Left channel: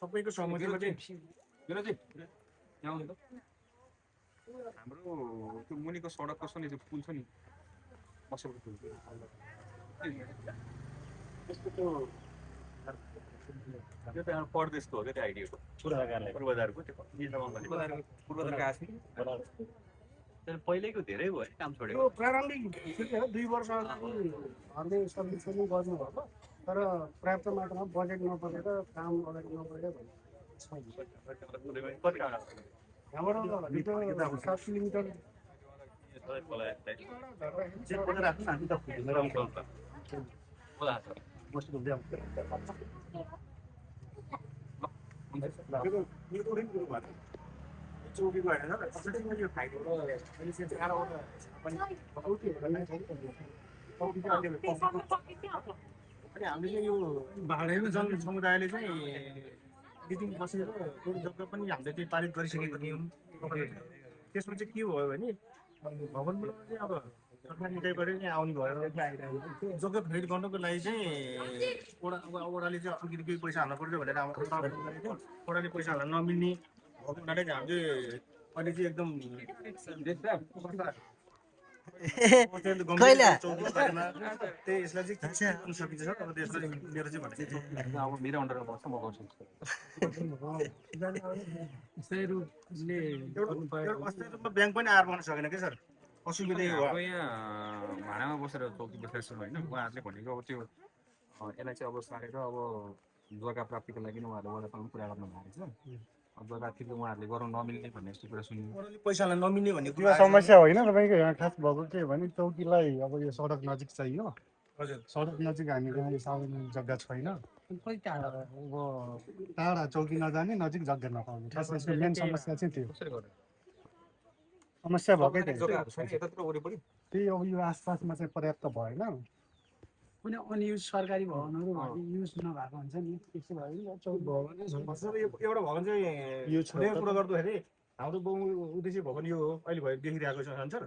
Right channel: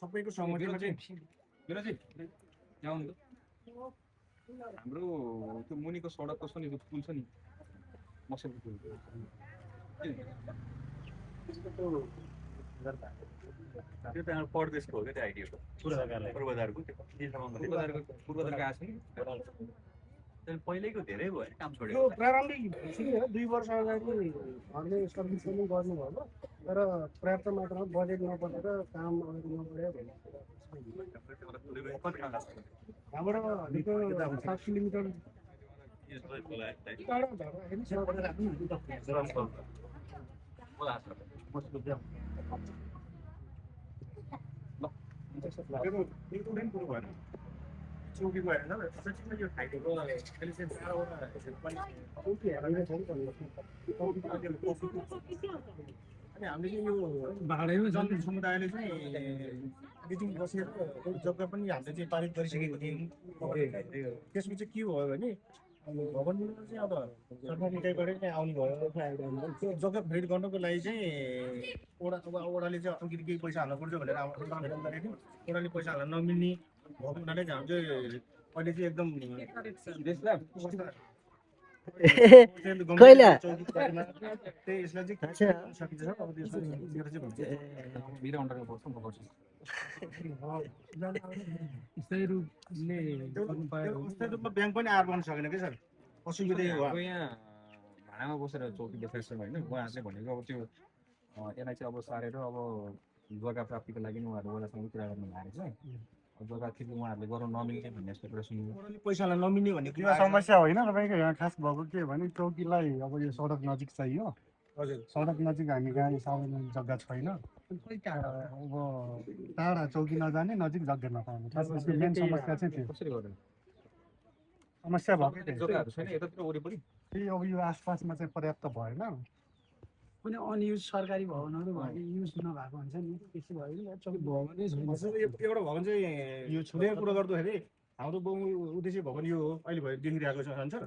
सबैको सहमतिमा चाहिँ यहाँ आउनु त हाम्रो त्यो मुनिको सडकको छ नि त्यो पुल छ नि मसेको पुल त्यो त परदेशको हो क्या त्यो आइडियाको पूर्वाधारको त्यो पूर्वाधारको आएको छ नि पहिल्यैको धेरै भयो काम छोड्यो यो प्रारम्भिक सुन्नु हो 2 वर्ष अगाडि घरले सर्भिस पनि गर्नुभयो तर पर्याप्त मात्रामा बजेट नबढेर काम अगाडि नबढ्यो भन्ने कति टाढा यहाँबाट 7 किलोमिटर चौकी गएर यो खाइदिएको मैले चाहिँ 12 अनि हामीले चाहिँ यो भाडामा जन समुदायले चाहिँ बिदिङ बसेर एउटा जग्गा पनि हामीले चाहिँ पारित गरिसकेको थियौँ त्यसमा चाहिँ के भयो भने भवन निर्माण चाहिँ अब सरकार निकायबाट चाहिँ आउनु भयो त्यो जग्गा खरिद गर्नको लागि चाहिँ ओडाले चाहिँ अलिकति केही पैसा हाल्नु पर्छ भनेर आवेदन गरेको थियो ओडाले पैसा हाल्न नमिल्ने भएको हुनाले चाहिँ हामीले अहिले चाहिँ एकदम कहिले त्यही यसलाई चाहिँ सकिन्छ अब त्यसलाई मेरो चाहिँ भनेको अब मेरो अन्डरमा बस्छ म गर्छु अस्थायी रूपमा ब्याङ्क पनि आएर गर्न सकेन कि सर असुविधै हो अब यहाँ भाडामा बसेर चौकी बसेर छु होइन उहाँहरूले भनेको अब त्यो यसलाई चाहिँ अब सारेर अब जग्गा प्राप्तिको लागि उहाँहरूले वडासँग कुरा गर्नु भएको छ जग्गा ठिक उहाँहरूले गराउन नमिल्ने भन्ने यस्तो कुरा सुन्यो पैसालाई नमिल्ने भन्ने कुरा समस्या होइन तपाईँको यहाँ खास भएको के भने चौकीलाई अब यो सडक नजिक चाहियो हजुर सडक नजिक हामी कहाँ सार्वजनिक जग्गा छैन अब टाढा चौकी नजाने नजिक जग्गा नपाउने खास यसको मेन समस्या चाहिँ त्यो कसरी गर्नु समस्या भएकै जग्गाहरू छैन यतातिर वरिपरि त्यही अब यो आसपासमा चाहिँ पर्याप्त भएन कुनै अनयुज सरकारी भवनहरू युज नभएको हुन्छ नि त्यसो भयो चौकी भवनै छैन एउटा भवन चाहिँ यो छुट्टै कुरा गर्दाखेरि हाम्रो बहु उद्देश्य भवन यो हो अहिले भयो देखिरहेको छ सर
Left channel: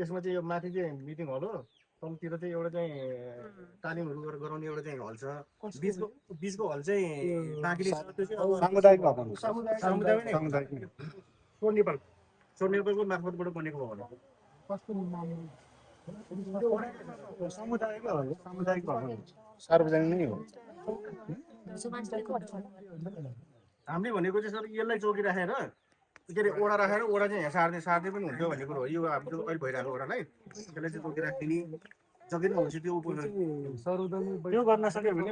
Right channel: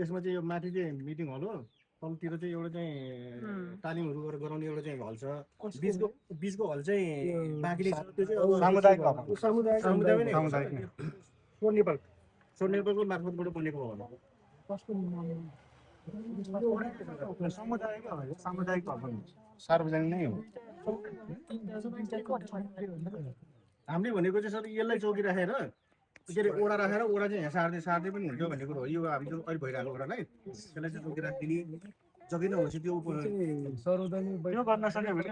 यसमा चाहिँ यो माथि चाहिँ मिटिङ हल हो तलतिर चाहिँ एउटा चाहिँ तालिमहरू गरेर गराउने एउटा चाहिँ हल छ बिचको हल चाहिँ बाँकी सामुदायिक भवन सोर नेपालको मार्फतबाट बनेको भवन हो सामुदायिक भवन सार्वजनिक नै हो हामीले भनेको चाहिँ सर यसलाई चौकी राखेर के अरे ओडा राखेर ओडा चाहिँ यहाँ सार्दै पनि हुन्छ भन्ने कुरो हो यो हामीले अहिले भइरहेको ओडालाई त्यसलाई चाहिँ चौकी राखिदिने जग्गा नै हुन्छ त्यो गर्न सक्यो भने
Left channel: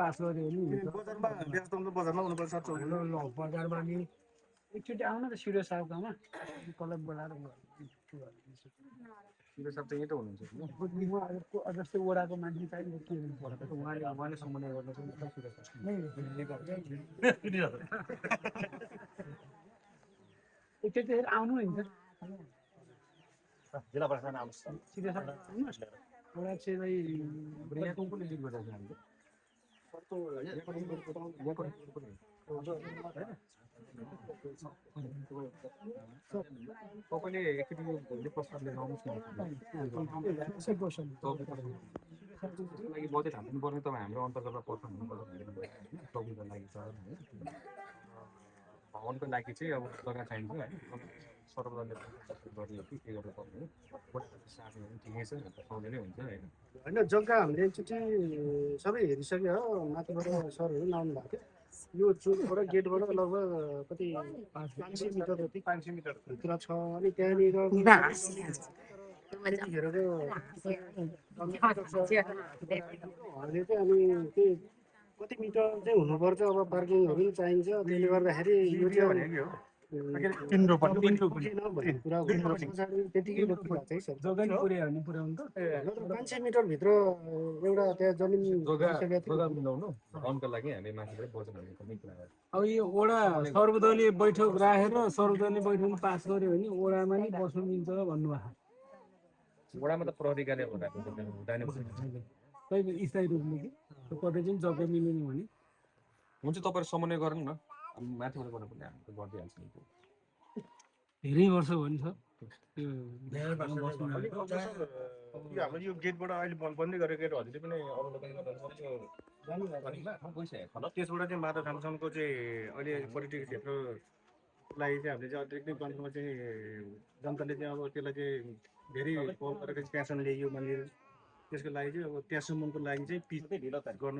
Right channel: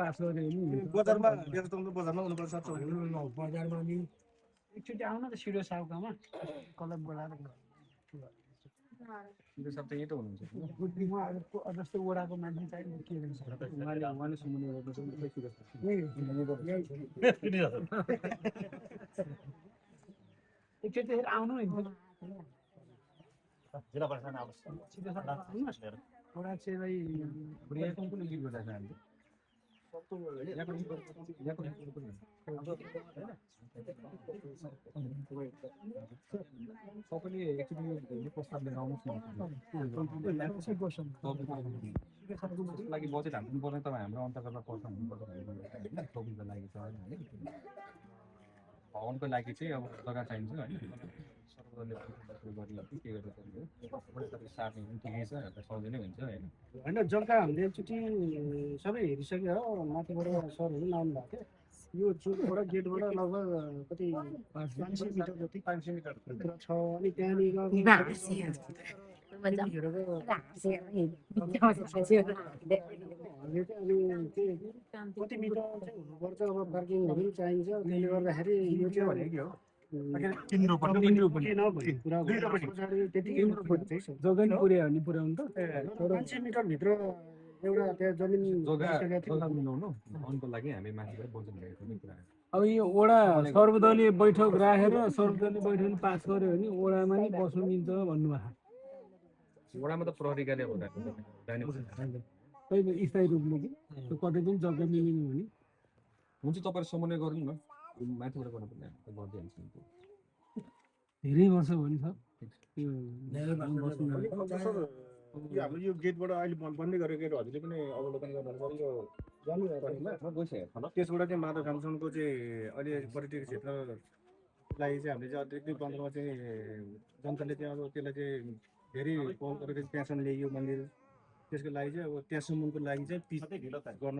पास गर्यो भने बजारमा बजारमा हुनुपर्छ बजारमा नि एकचोटि आउन त सिरियस साहबकोमा कलम बोलाएर शिव साहब त यहीँ त हुनुहुन्छ जस्तै ओडाको मान्छे चाहिँ के हुन्छ उहाँले समन्वय गर्न चाहिँ एकचोटि आउनु नि जिल्ला प्रशासन आउँछ सिरियस ओडा चाहिँ यहाँ कुन कुन लिड गर्दैछ हामीले तपाईँले एकचोटि यो प्रस्ताव लिएर आउनुहोस् न लागि बजेट हाल्नु पर्ने तपाईँ हाम्रो अन्तर्गत पर्छ हुनुपर्छ होइन चौकीको लागि छ भवनको लागि चाहिँ अब जग्गा चाहिन्छ होइन सर्वदलीय गरियो कि के गर्नुपर्ने हो सार्ने पनि ठिकै छ सजिलै हुन्छ होइन होइन जग्गा हामीले एकचोटि सबै हेरिसक्यो हो माथिबाट सरहरू आउनु भएको थियो यो चोकबाट गेटबाट लगभग कति 500 मिटर जति 500 मिटर भित्र छ अनि त्यहाँनिर अहिले चाहिँ अनि त्यही कति मिटर चाहिँ हुनुपर्छ अब पार्किङहरू पनि चाहिन्छ त्यसले गर्दाखेरि यो चाहिँ भनेको पुर्याउनु त 500 मिटर भित्र एउटा त्यहाँ जमिन जग्गा मिलाउनु अनको लागि हामी माथिबाट बजेट भनेको पनि कुरा अब यो ओडा सर्वदलीय बैठक राखेर सर्वदलीय बैठक पास गर्यो भने ओडामा नि बस्नु मिल्छ भन्नुभएको वडामा त प्रहरीकाले हुँदैन स्थायी रूपले कि कतै चाहिँ जग्गा मिलेन भने हुन्छ तपाईँहरू समन्वय गर्नु न माथिबाट गर्नु पर्ने हामी त गरिदिइहाल्छौँ धेरै वर्ष हो नि सर हाम्रो यो गेटबाट अहिले बन्दै गरेको हजुरले पनि अवलोकन गर्नु पर्यो म गइसकेको त्यसबाट चाहिँ माधव थामसनको चाहिँ अहिले पर्यटकीय क्षेत्रको लागि चाहिँ हामीले चाहिँ अतिरिक्त मात्रामा चाहिँ जनताले चाहिँ अब त्यसलाई चाहिँ धेरै पहल गरेर चाहिँ त्यहाँसम्म ल्याइयो मन्दिर त्यसको लागि चाहिँ अब त्यहाँसम्मको लागि चाहिँ पिच गर्न